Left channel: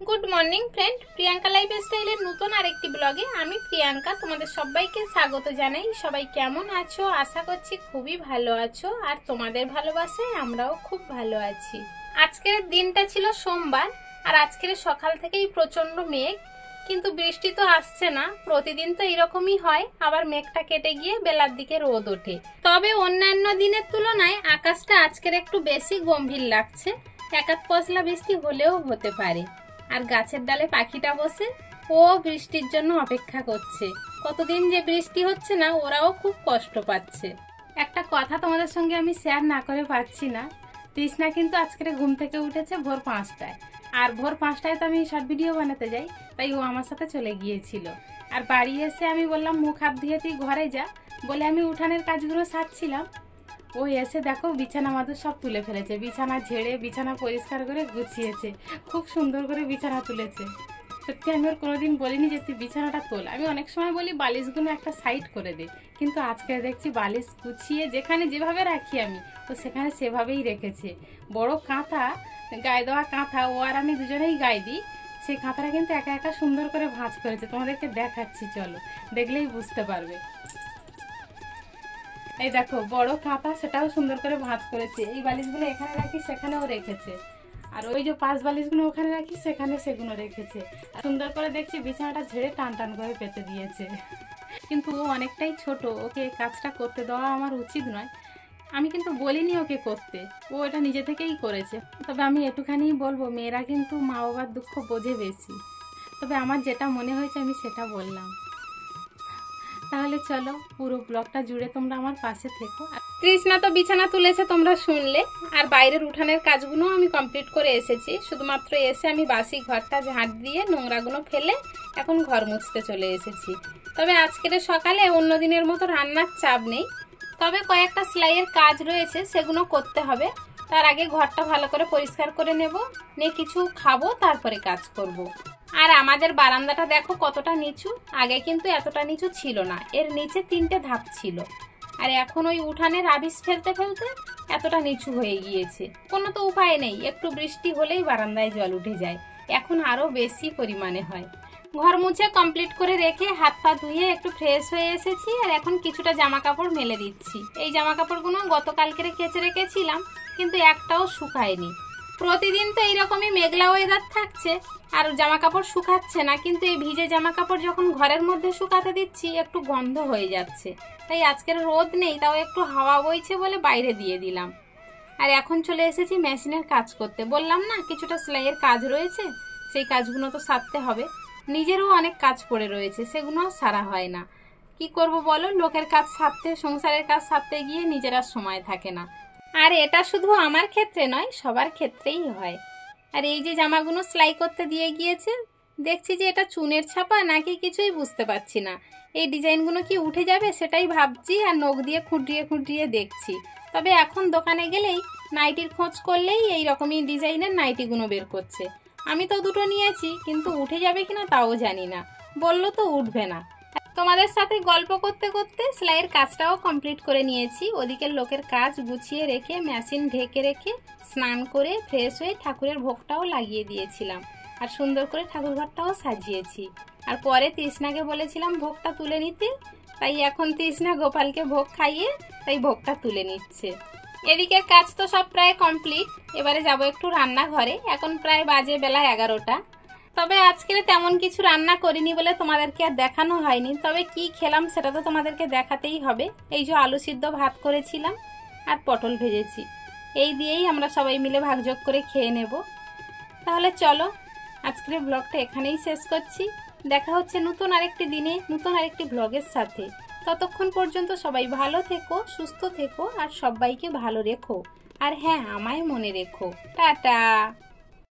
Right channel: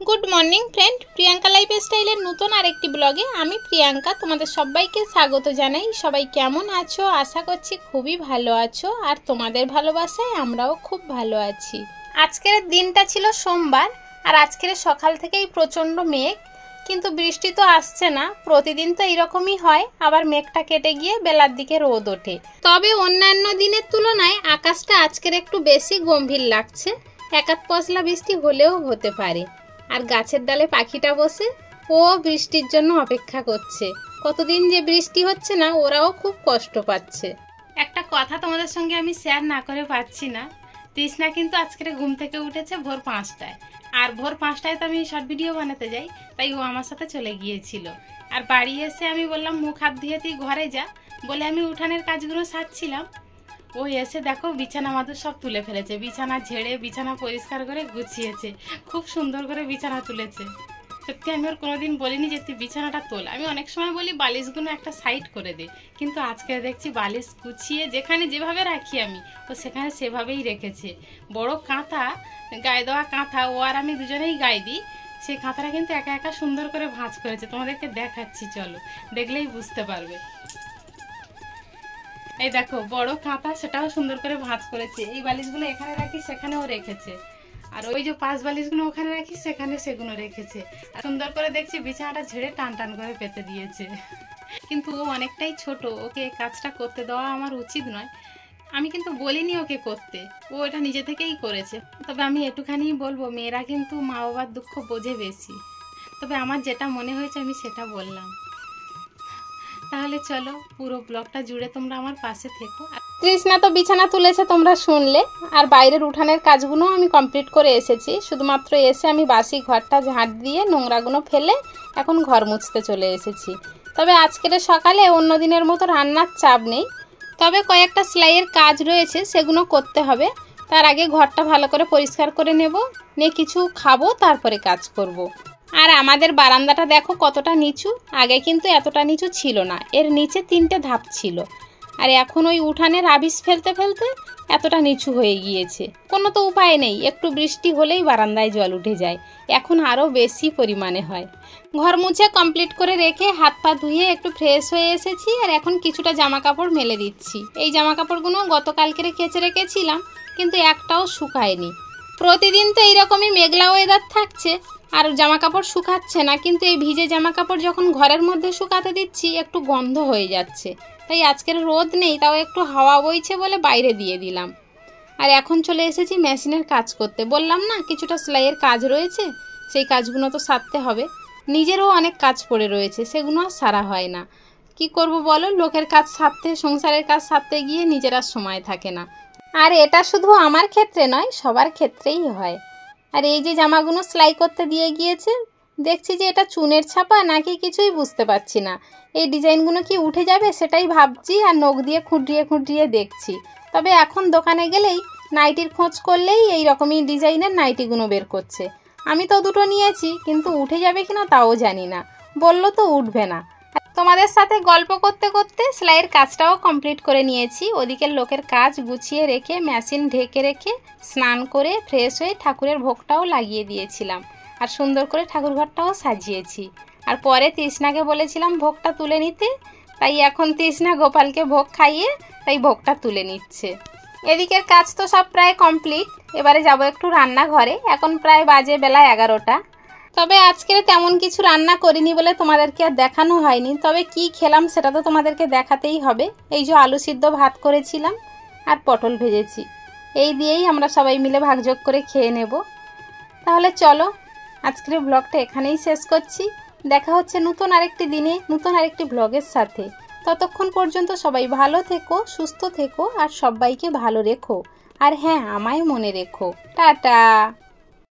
Good morning friend Priyanka लाइफस्टाइलेर नतून आरेकटी ब्लगे आमी प्रियंका तोमादेर सबाइके स्वागत जानाई। सबाई केमन आछो? आशा करछि खूबই भालो आछो और तोमादेर भालोबासाय आमराओ खूब भालो आछि। आजकेर दिनटा छिलो सोमवार और आजकेर सकाल थेकेई प्रचंड मेघ, किन्तु बृष्टि तो आसছে ना। प्रतिदिन तो एरकमই হয়, आबार मेघटा केटे गिये बेलार दिके रोद ओठे। तबे अन्यान्य दिनेर तुलनाय आकाशटा आजकेर एकटु बेशी गम्भीर लागছে। एक आध पशला बृष्टि हलेও হতে পারে। আর গাছের ডালে পাখিটা বসে ও বৃষ্টির জন্য অপেক্ষা করছে। কতদিন যে বৃষ্টি হচ্ছে না, ওরাও খুব কষ্ট পাচ্ছে। একটা কথা তোমাদের সঙ্গে আমি শেয়ার না করে পাচ্ছি না। তৃষ্ণা কিন্তু আজকে ঘুম থেকে উঠেছে ভোর 5টায়, আর ভোর 5টায় তো আমি শর্ট ভিডিও বানাতে যাই, তাই ও আমার সাথে চলে গিয়েছিল। আর বাড়ি এসে আমি বললাম মুখ হাত ধুয়ে তুই ঘরে যা, বলে আমি উঠানের কাজগুলো সারছিলাম। ও এসে দেখো বিছানা মাদুর সব তুলে ফেলেছে, বিছানা ঝেড়ে বিছানা পরিষ্কার করে গুছিয়েছে, খুব সুন্দর করে বিছানা তুলেছে। সত্যি আমি ওর কোনোদিন বলিনি যে তুই বিছানাটা তোল। আমি অনেক সময় বলি বালিশগুলো একটা সাইড করে দে, কিন্তু আজকে দেখছি বালিশ গুছিয়ে যেখানে যেভাবে রাখি আমি, ও সেখানে সেভাবেই রেখেছে। বড় কাঁথা, গায়ে দেওয়া কাঁথা, ও আর আমি দুজনেই গায়ে দিই। সেই কাঁথাটা কিন্তু একা একা সুন্দর করে ভাঁজ করেছে, তোমাদেরকে দেখাচ্ছি, চলো দেখলেই বুঝতে পারবে। এই দেখো বড় কাঁথা, সেটাও সুন্দর করে ভাঁজ করেছে। এই বালিশগুলো এখানে রাখি সেখানেও রেখেছে, আর ওই যে পাঁচ বালিশগুলো ওখানে রাখি সেখানে সেগুলো রেখেছে। আর সুন্দর করে দেখছি বিছানাটা ঝেড়ে টান টান করে পেতে দিয়েছে। কিন্তু ও অনেকটাই ছোট, ওকে এই কাজটা করতে দেওয়া আমার উচিত নয়। আমি কিন্তু বলিনি ওকে করতে, ও এটা নিজে থেকেই করেছে। তবে আমি একটুখানি বলবো, মেয়েরা কিন্তু মা বাবার দুঃখ বোঝে বেশি। তবে আমার যেটা মনে হয়েছে আমি সেটা বললাম। তাহলে চলো পুরো ব্লগটা জুড়ে তোমরা আমার পাশে থেকো। তৃষ্ণা তো বিছানা তুলেছে তোমরা শুনলে, আর বাইরের উঠানের কাজগুলো আমি কমপ্লিট করে এসেছি। শুধুমাত্র এসে আমি বাসি ঘরটা ঝাঁট দিয়ে নোংরাগুলো ফেলে এখন ঘর মুছতে চলে এসেছি। তবে আজকের সকালে অন্য দিনের মতো রান্নার চাপ নেই, তবে কয়েকটা সেলাইয়ের কাজ রয়েছে, সেগুলো করতে হবে। তার আগে ঘরটা ভালো করে পরিষ্কার করে নেব, নিয়ে কিছু খাবো, তারপরে কাজ করব। আর আমাদের বারান্দাটা দেখো কতটা নিচু, আগে কিন্তু এতটা নিচু ছিল না, এর নিচে 3টে ধাপ ছিল। আর এখন ওই উঠানের আবিষ ফেলতে ফেলতে এতটা নিচু হয়ে গিয়েছে। কোনো তো উপায় নেই, একটু বৃষ্টি হলেই বারান্দায় জল উঠে যায়, এখন আরও বেশি পরিমাণে হয়। ঘর মুছে কমপ্লিট করে রেখে হাত পা ধুয়ে একটু ফ্রেশ হয়ে এসেছি, আর এখন কিছুটা জামা কাপড় মেলে দিচ্ছি। এই জামা কাপড়গুলো গতকালকে কেচে রেখেছিলাম, কিন্তু একটাও শুকায়নি। প্রতিদিন তো এইরকমই মেঘলা ওয়েদার থাকছে আর জামা কাপড় শুকাচ্ছে না, কিন্তু এই ভিজে জামা কাপড় যখন ঘরের মধ্যে শুকাতে দিচ্ছি একটু গন্ধ হয়ে যাচ্ছে। তাই আজকের রোদ নেই, তাও একটু হাওয়া বইছে বলে বাইরে দিয়ে দিলাম। আর এখন চলে এসেছি মেশিনের কাজ করতে। বললাম না কিছুটা সেলাইয়ের কাজ রয়েছে, সেই কাজগুলো তো সারতে হবে। নিজেরও অনেক কাজ পড়ে রয়েছে, সেগুলো আর সারা হয় না। কি করব বলো, লোকের কাজ সারতে, সংসারের কাজ সারতে গিয়ে নিজের আর সময় থাকে না। আর এটা শুধু আমার ক্ষেত্রে নয়, সবার ক্ষেত্রেই হয়। আর এই যে জামাগুলো সেলাই করতে দিয়ে গিয়েছে, দেখছি যে এটা চুনের ছাপা নাকি কিছুই বুঝতে পারছি না। এই ডিজাইনগুলো কি উঠে যাবে সেটাই ভাবছি, আর নখ দিয়ে খুঁটিয়ে খুঁটিয়ে দেখছি। তবে এখন দোকানে গেলেই নাইটির খোঁজ করলেই এই রকমই ডিজাইনের নাইটিগুলো বের করছে। আমি তো দুটো নিয়েছি, কিন্তু উঠে যাবে কিনা তাও জানি না, বললো তো উঠবে না। তোমাদের সাথে গল্প করতে করতে সেলাইয়ের কাজটাও কমপ্লিট করে নিয়েছি। ওদিকের লোকের কাজ গুছিয়ে রেখে মেশিন ঢেকে রেখে স্নান করে ফ্রেশ হয়ে ঠাকুরের ভোগটাও লাগিয়ে দিয়েছিলাম, আর সুন্দর করে ঠাকুরঘরটাও সাজিয়েছি। আর পরে তৃষ্ণাকে বলেছিলাম ভোগটা তুলে নিতে, তাই এখন তৃষ্ণা গোপালকে ভোগ খাইয়ে তাই ভোগটা তুলে নিচ্ছে। এদিকের কাজ তো সব প্রায় কমপ্লিট, এবারে যাব একটু রান্নাঘরে। এখন প্রায় বাজে বেলা 11টা। তবে আজকে তেমন কিছু রান্না করিনি বলে তোমাদেরকে আর দেখানো হয়নি। তবে কি খেলাম সেটা তো তোমাদেরকে দেখাতেই হবে। এই যে আলু সিদ্ধ ভাত করেছিলাম আর পটল ভেজেছি, এই দিয়েই আমরা সবাই মিলে ভাগযোগ করে খেয়ে নেব। তাহলে চলো আজকের ব্লগটা এখানেই শেষ করছি। দেখা হচ্ছে নতুন আরেকটি দিনে নতুন আরেকটি ব্লগের সাথে। ততক্ষণ পর্যন্ত সবাই ভালো থেকো, সুস্থ থেকো, আর সবাইকে ভালো রেখো। আর হ্যাঁ, আমায় মনে রেখো। টাটা।